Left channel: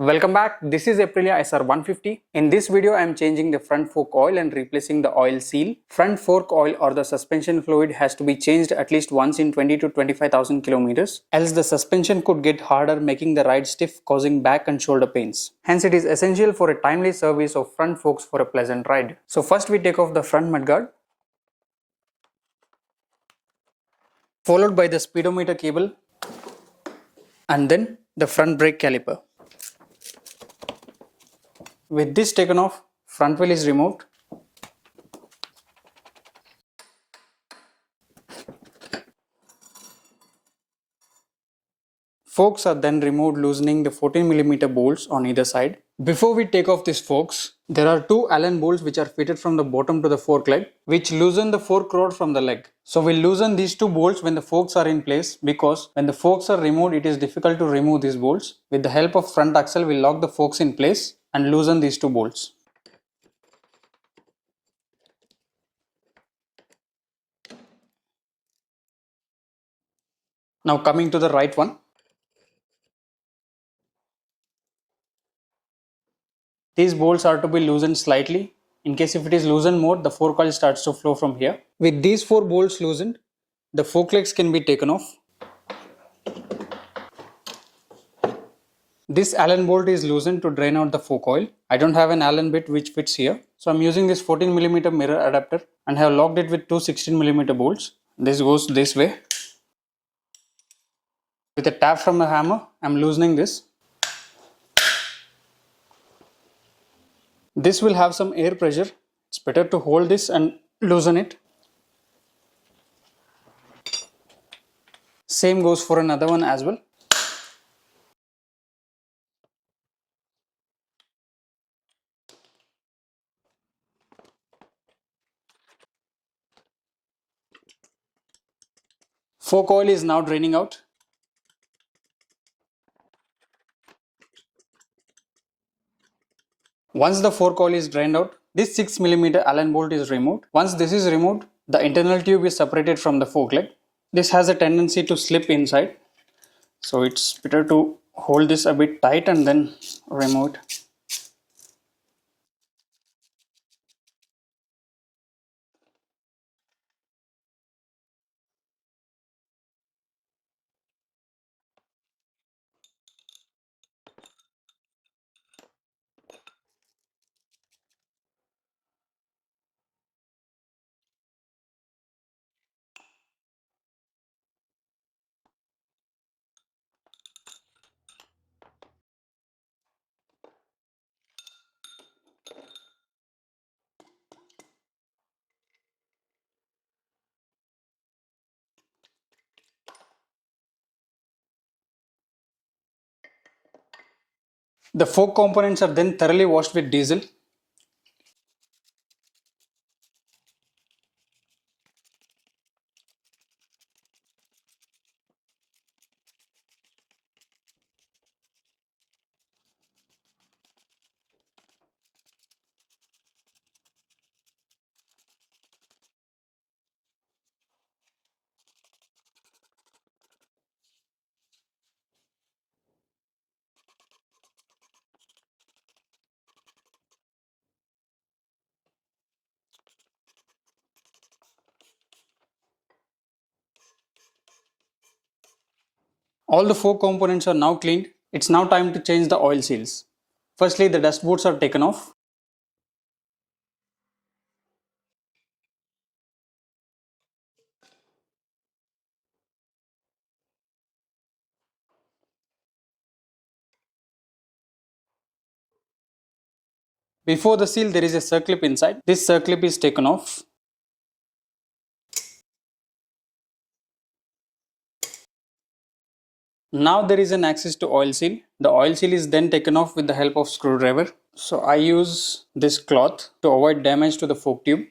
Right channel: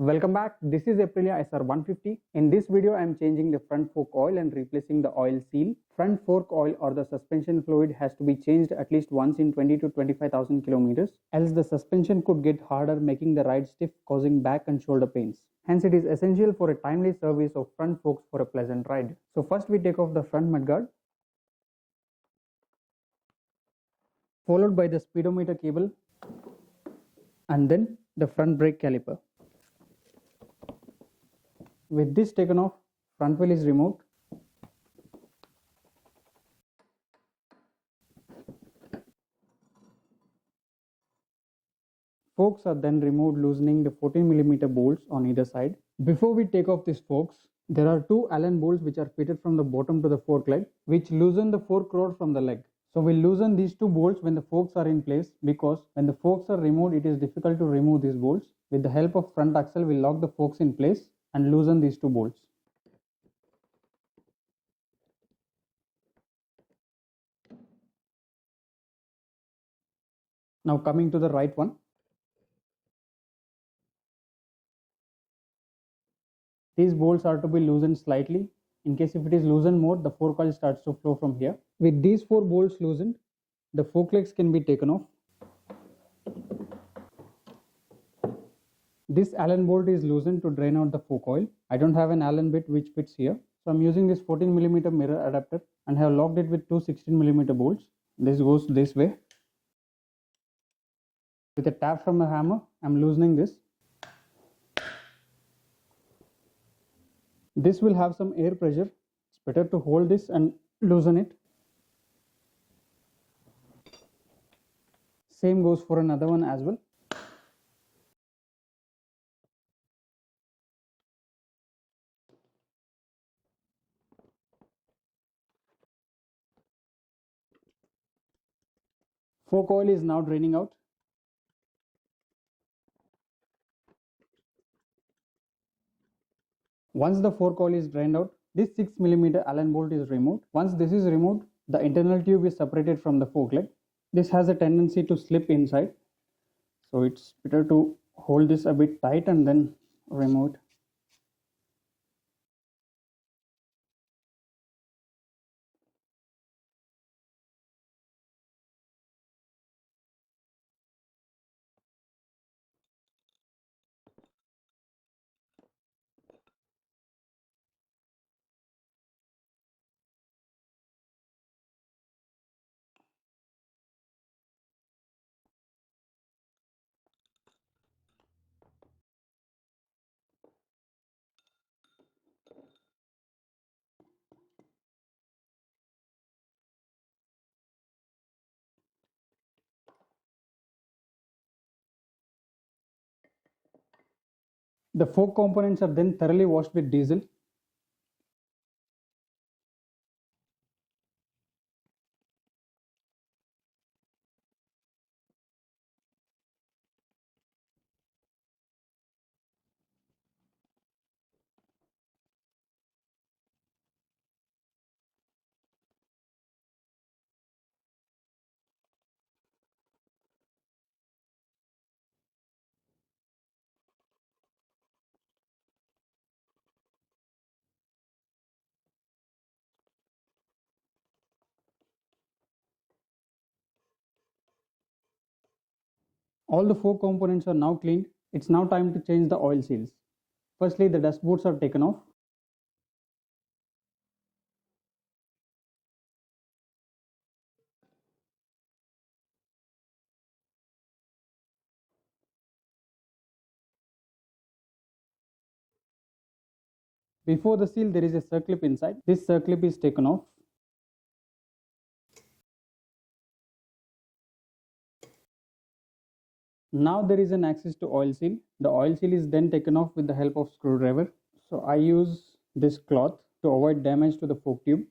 Welcome back. This is Aprilia SR150. In this video, I am changing the front fork oil and replacing the oil seal. Front fork oil or the suspension fluid has to be changed at least once in 20 to 25,000 kilometers. Else the suspension could get harder, making the ride stiff, causing back and shoulder pains. Hence, it is essential for a timely service of front forks for a pleasant ride. So first we take off the front mudguard, followed by the speedometer cable, and then the front brake caliper. With this taken off, front wheel is removed. Forks are then removed, loosening the 14mm bolts on either side. Before we take off these forks, there are two Allen bolts which are fitted from the bottom to the fork leg, which loosen the fork rod from the leg. So we'll loosen these two bolts when the forks are in place, because when the forks are removed, it is difficult to remove these bolts. With the help of front axle, we'll lock the forks in place and loosen these two bolts. Now coming to the right one. These bolts are to be loosened slightly. In case if it is loosened more, the fork oil starts to flow from here. With these four bolts loosened, the fork legs can be taken off. This Allen bolt is loosened to drain out the fork oil. I don't have an Allen bit which fits here. So I'm using this 14mm mirror adapter and have locked it with two 16mm bolts. This goes this way. With a tap from a hammer, I'm loosening this. This will have some air pressure. It's better to hold this and loosen it. Same goes for another one as well. Fork oil is now draining out. Once the fork oil is drained out, this 6mm Allen bolt is removed. Once this is removed, the internal tube is separated from the fork leg. This has a tendency to slip inside, so it's better to hold this a bit tight and then remove it. The fork components are then thoroughly washed with diesel. All the fork components are now cleaned. It's now time to change the oil seals. Firstly, the dust boots are taken off. Before the seal, there is a circlip inside. This circlip is taken off. Now there is an access to oil seal. The oil seal is then taken off with the help of screwdriver. So I use this cloth to avoid damage to the fork tube.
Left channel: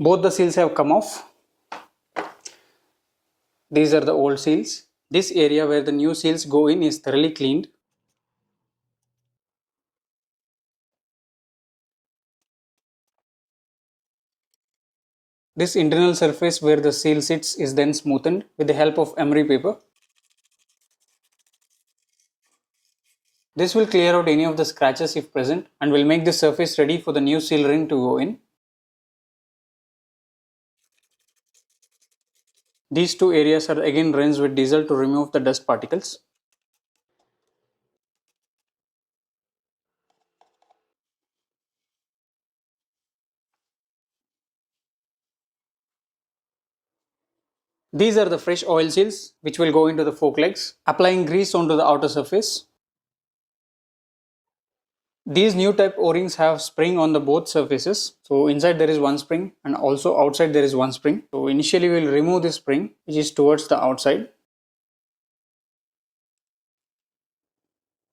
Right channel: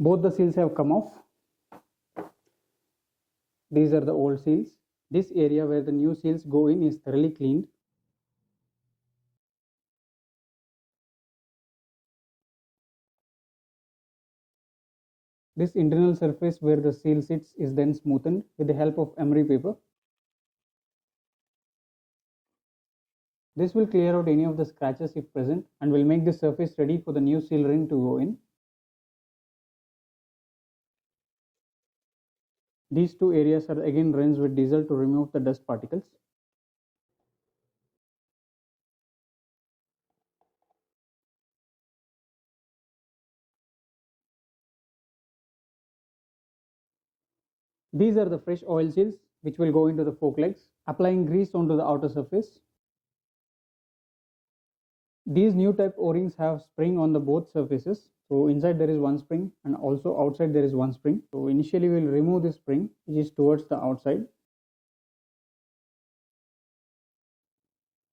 Both the seals have come off. These are the old seals. This area where the new seals go in is thoroughly cleaned. This internal surface where the seal sits is then smoothened with the help of emery paper. This will clear out any of the scratches if present and will make the surface ready for the new seal ring to go in. These two areas are again rinsed with diesel to remove the dust particles. These are the fresh oil seals which will go into the fork legs, applying grease onto the outer surface. These new type O-rings have spring on the both surfaces. So inside there is one spring and also outside there is one spring. So initially we will remove this spring which is towards the outside,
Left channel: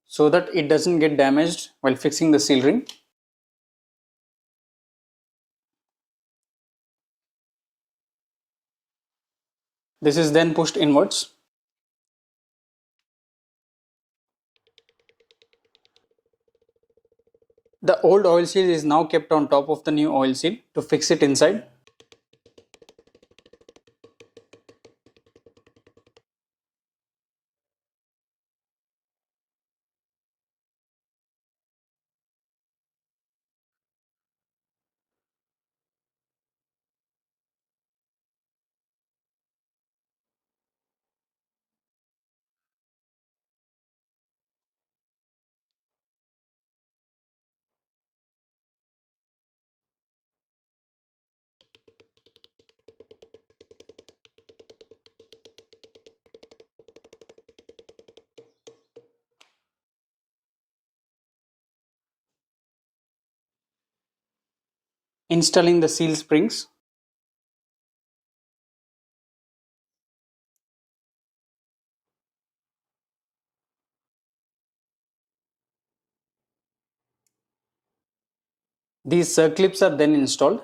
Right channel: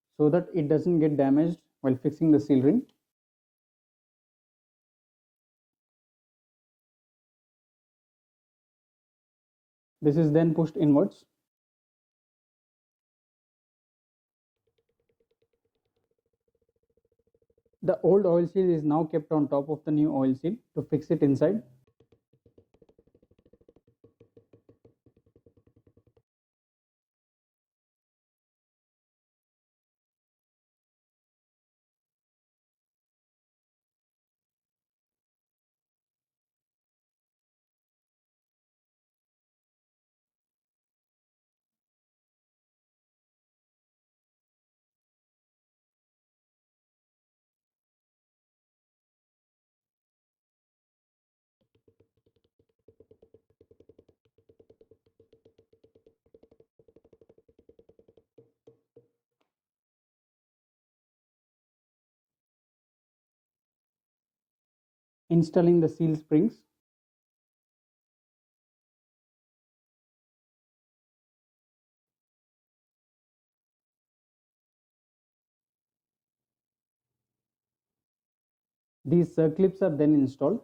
so that it doesn't get damaged while fixing the seal ring. This is then pushed inwards. The old oil seal is now kept on top of the new oil seal to fix it inside. Installing the seal springs. These circlips are then installed.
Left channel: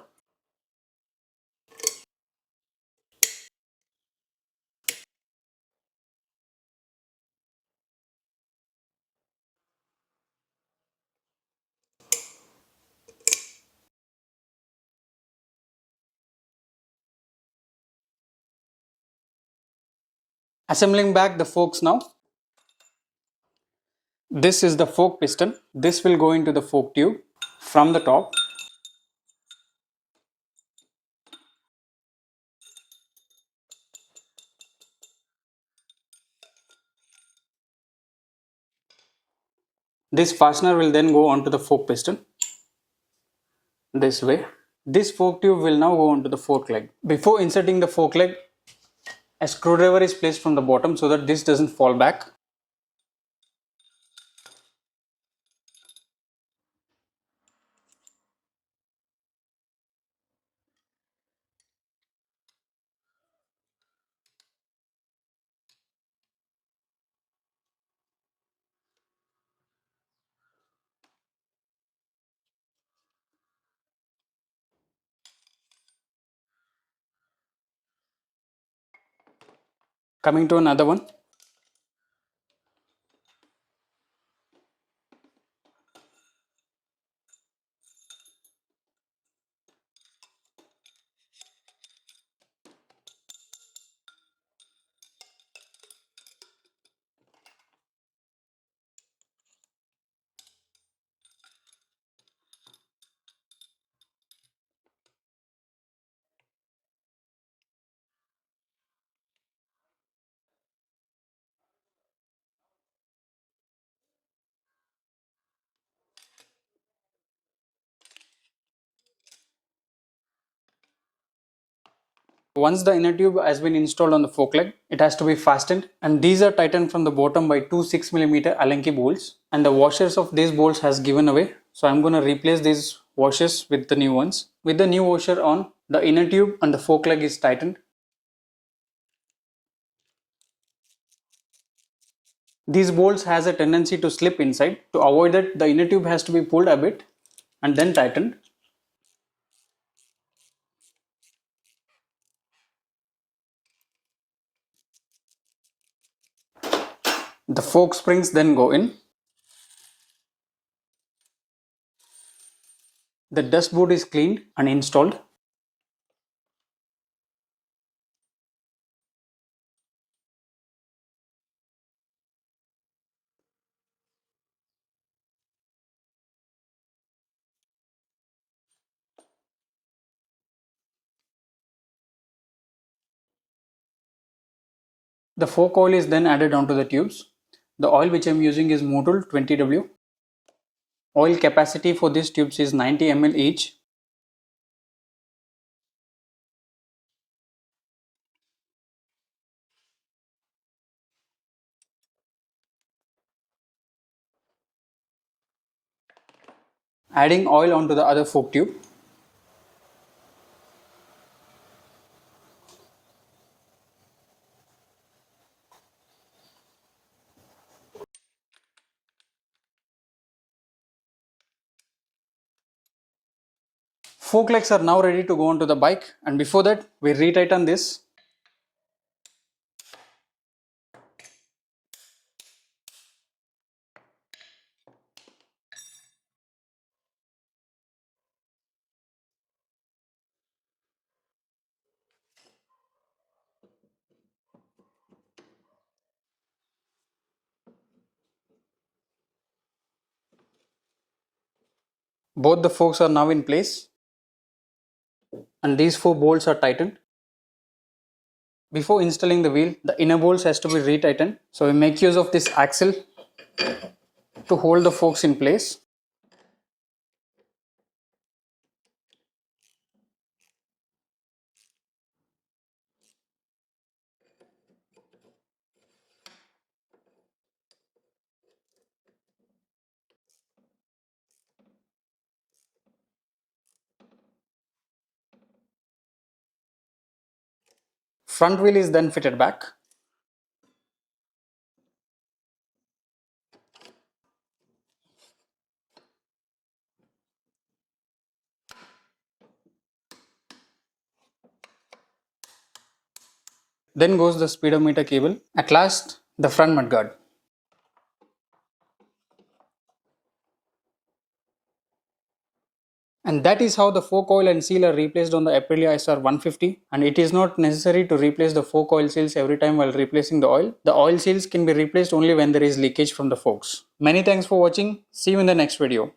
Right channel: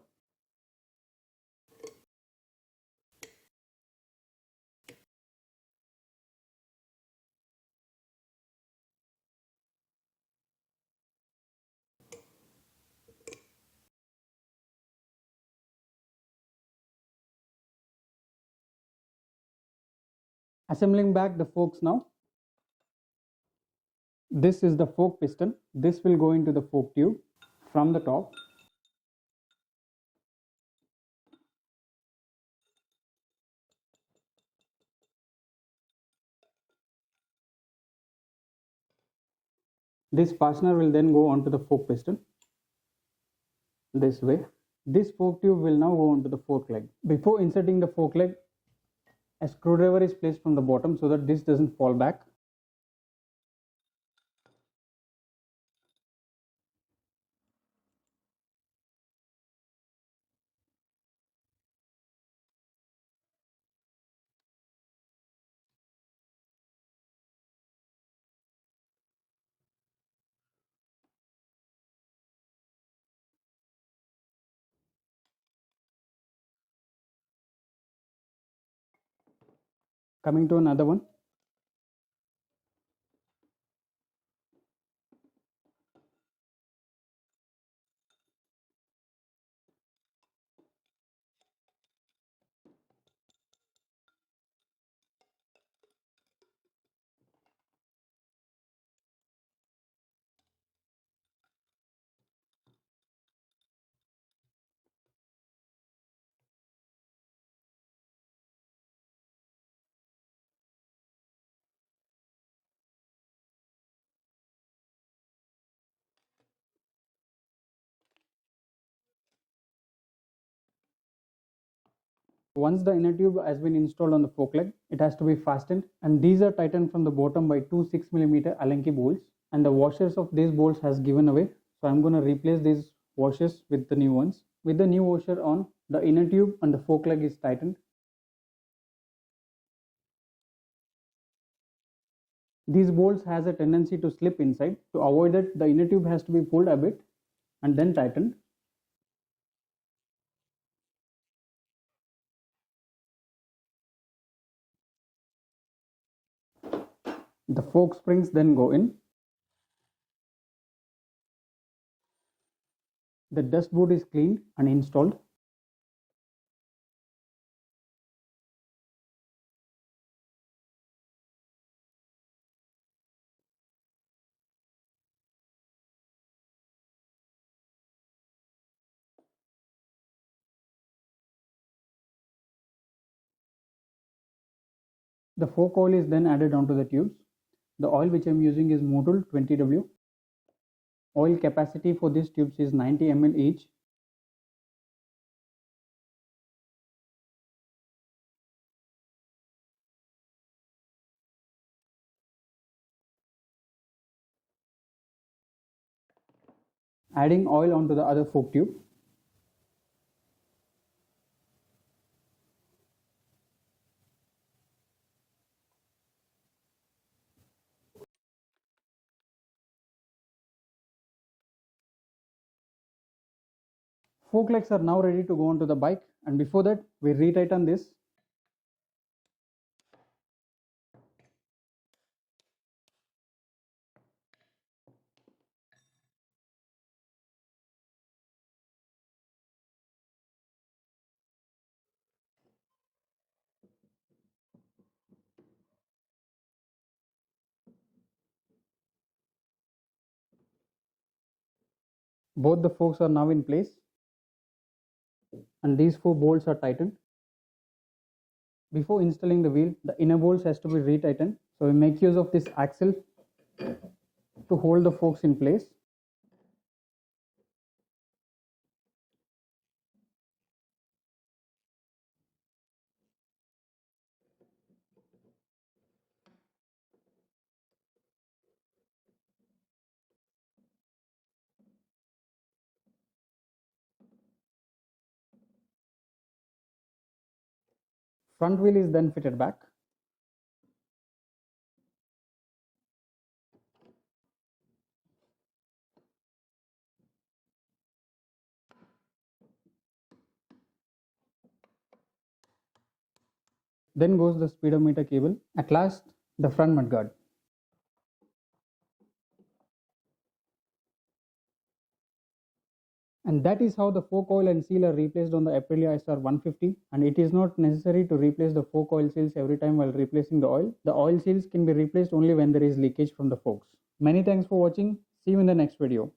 Assembling back the forks now. This is the fork piston. This will go into the fork tube from the top. This fastener will then go onto the fork piston this way. This fork tube will now go onto the fork leg. Before inserting the fork leg, a screwdriver is placed from the bottom so that this doesn't fall back. Coming to another one. Once the inner tube has been installed on the fork leg, it has to be fastened, and these are tightened from the bottom by two 6mm Allen key bolts, and the washers of these bolts has given away, so I'm going to replace these washers with the new ones. With the new washer on, the inner tube and the fork leg is tightened. These bolts has a tendency to slip inside. To avoid that, the inner tube has to be pulled a bit and then tightened. The fork springs then go in. The dustboard is cleaned and installed. The fork oil is then added onto the tubes. The oil which I am using is Motul 20W. Oil capacity for these tubes is 90 ml each. Adding oil onto the other fork tube. Fork legs are now ready to go onto the bike, and before that we retighten this. Both the forks are now in place and these 4 bolts are tightened. Before installing the wheel, the inner bolts has to be retightened. So we make use of this axle to hold the forks in place. Front wheel is then fitted back. Then goes the speedometer cable. At last, the front mudguard. And that is how the fork oil and seal are replaced on the Aprilia SR150, and it is not necessary to replace the fork oil seals every time while replacing the oil. The oil seals can be replaced only when there is leakage from the forks. Many thanks for watching. See you in the next video.